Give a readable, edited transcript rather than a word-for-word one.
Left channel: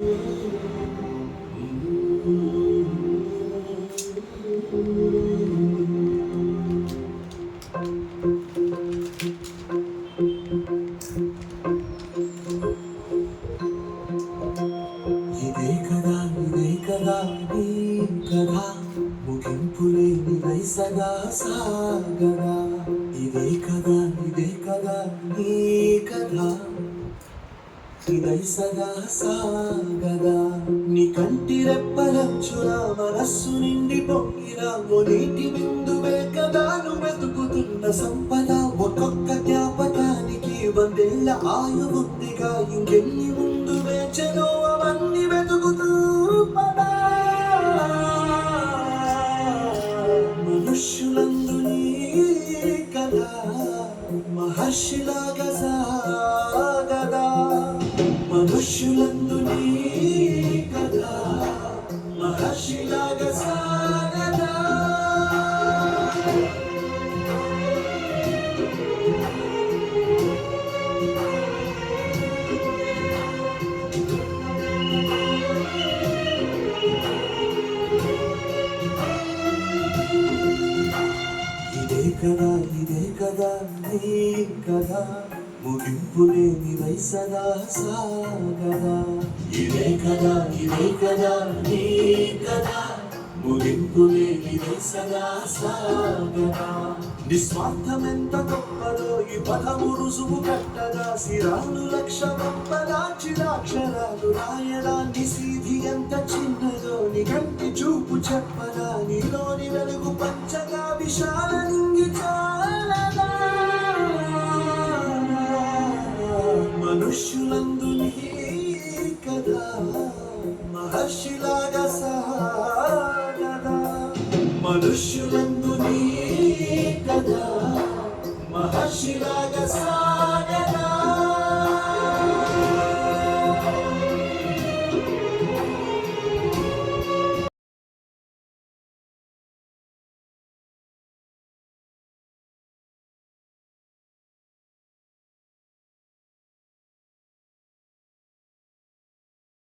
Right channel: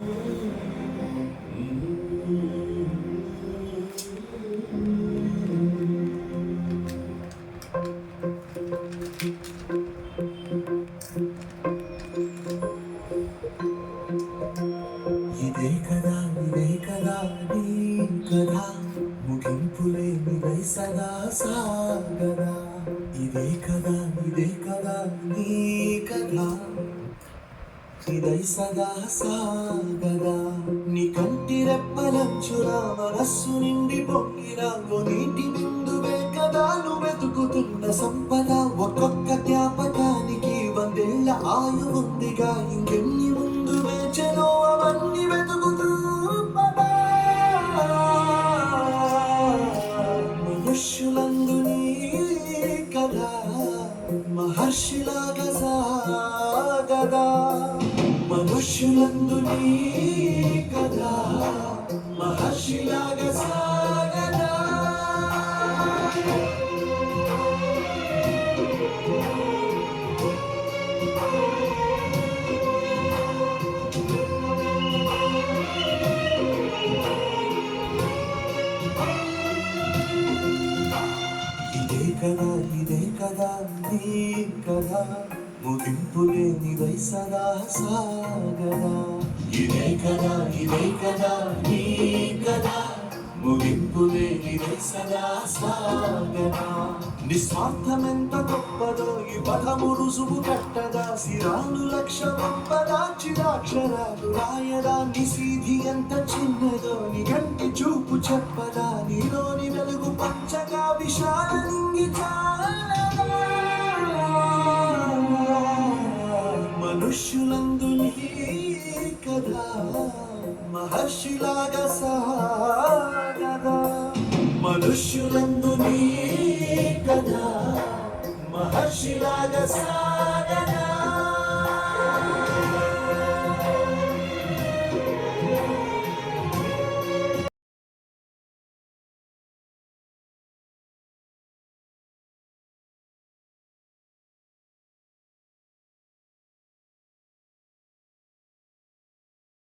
ఇదే కదా నీ కథ ముగింపులేనిదై సదా సాగదా. ఇదే కదా నీ కథ ఇదై సదా సాగదా. నీ కంటి రెప్పలంచులా మనస్సు నిండి పొంగిరా ఓ నీటి బిందువే కదా నువ్వు వెతుకుతున్న సంపద. ఒక్కొక్క జ్ఞాపకానికి వందేళ్ల ఆయువుందిగా, ఇంకెన్ని ముందు వేచనో అవన్నీ వెతుకుతూ పదా. మనుష్యులందు నీ కదా మహర్షిలాగా సాగదా. మనుష్యులందు నీ కదా మహర్షిలాగా సాగదా. ఇదే కదా నీ కథ ముగింపులేనిదై సదా సాగదా. ఇదే కదా నీ కథ ముగింపులేనిదై సదా సాగదా. నిస్వార్థమెంత గొప్పదో ఈ పదము రుసుము కట్టగా, సిరాలు లక్ష గొప్పదాక్షరాక్షరాలు రాయదా. నిసీధి ఎంత చిన్నదో నీ కంటి చూపు చెప్పదా. నీలోని వెలుగు పంచగా విశాల నింగి చాలదా. మనుష్యులందు నీ కదా మహర్షిలాగా సాగదా. మనుష్యులందు నీ కదా మహర్షిలాగా సాగదా.